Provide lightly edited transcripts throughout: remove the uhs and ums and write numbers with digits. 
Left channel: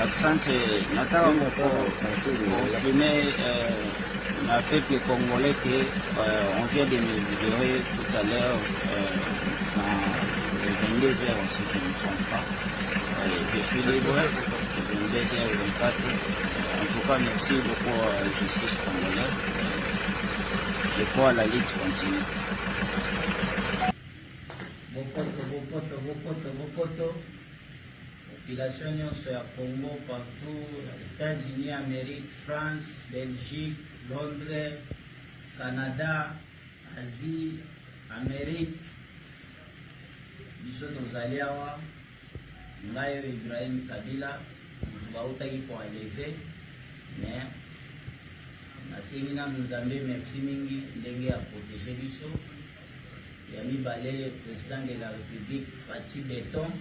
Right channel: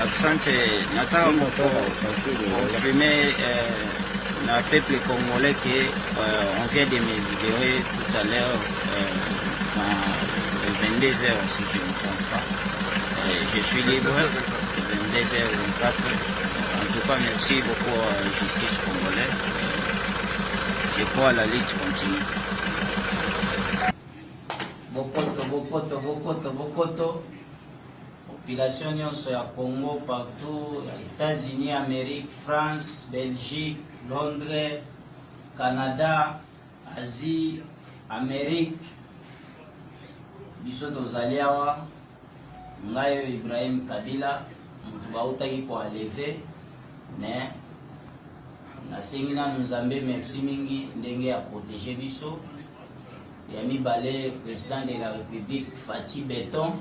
Asante, nataka confirmer le peuple congolais qu'on vient de me libérer tout à l'heure dans 22h si je ne me trompe pas. Je suis libre, 22h24. En tout cas, merci beaucoup à la justice congolaise. Je crois la lutte continue. Bokoto. Population nyonso ya Congo partout, États-Unis, Amérique, France, Belgique, Londres, Canada, Asie, Amérique. Biso tozali awa ngayo Ibrahim Kabila mutu bautaki ko enlever mais nasengi na Nzambe merci mingi ndenge ya protéger biso. Ya mibale président de la République Fati Beton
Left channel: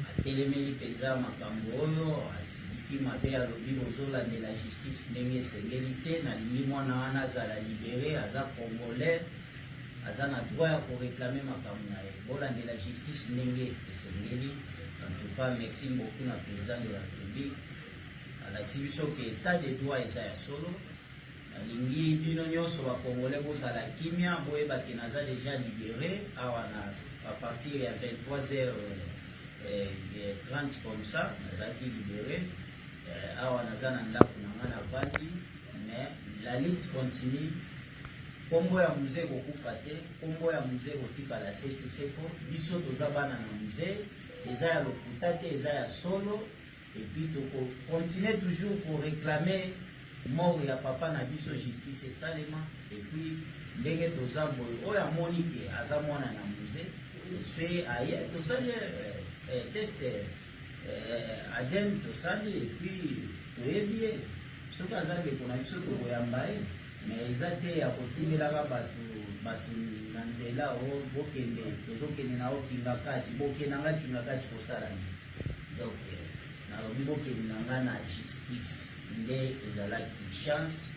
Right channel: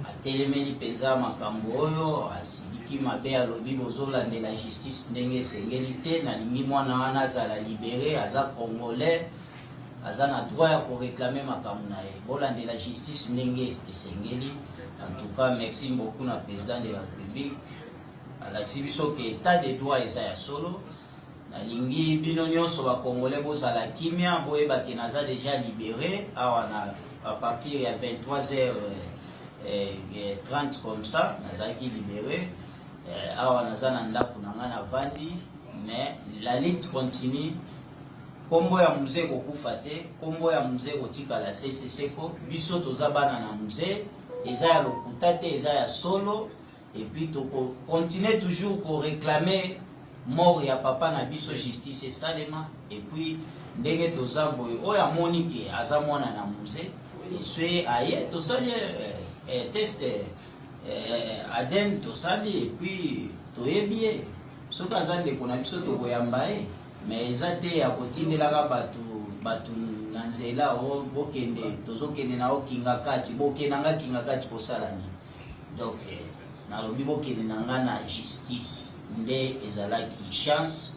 atelemeli peza makambo oyo asibiki mabe alobi bozolandela justice ndenge esengeli te, nalingi mwana wana azala libéré, aza congolais, aza na droit ya koreklame makambo na ye, bolandela justice ndenge esengeli. En tout cas, merci beaucoup na président de la République alakisi biso ke état de droit eza ya solo. Nalingi bino nyonso ba congolais bozala kimia, boyeba ke naza déjà libéré awa à partir ya 23h30 comme ça, nazaki libéré. Awa naza na ndako na nga na vandi, mais la lutte continue. Kombo ya musée kokufa te, kombo ya musée kotikala seko, biso toza bana na musée, eza ya lokuta te, eza ya solo, et puis to continuer toujours pour réclamer mort ya papa na biso justice esalema. Et puis ndenge toza boye oyo amoni ke aza mwana na musée eswe aye tosali test ADN tosali, et puis toyebi ye soki aza ndeko na biso tokoyamba ye, mais eza te ya kotindelaka bato na nzela bokende tozokende na okinga kati bokendanga kinga kati kosalani. Donc nalobi bokende na nga na justice nde ezalaki chance.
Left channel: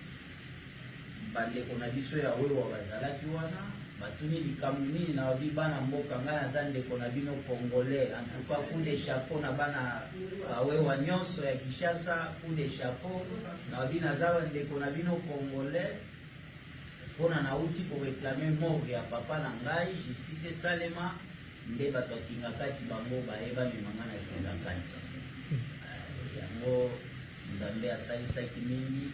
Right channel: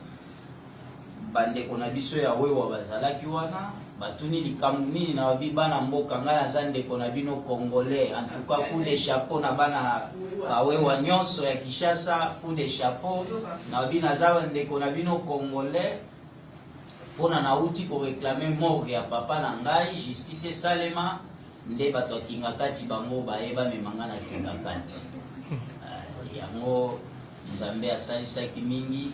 Bandeko na biso ya wewa bazalaki wana batuni likambo nini na babi bana mboka nga naza ndeko na bino congolais. En tout cas coup de chapeau na bana kawewa nyonso ya Kinshasa, coup de chapeau na babi naza ndeko na bino congolais pona nauti ko réclamer mort ya papa na ngai, justice esalema nde bato kinga kati bango bayeba memanga na kinga kati. Yango Nzambe asalisaki mingi.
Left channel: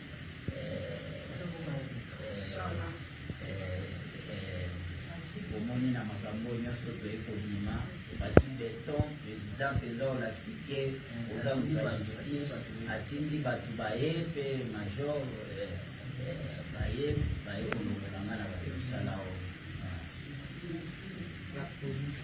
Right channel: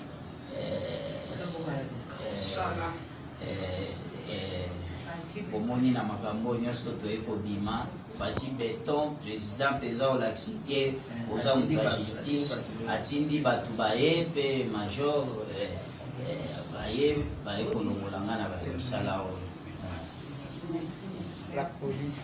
Bomoni na makambo nyonso toyeko bima. Fati Beton président peza olaksike oza mutu ya justice atindi batu baye pe major baye kolongola nga na bato mosala oyo. La police.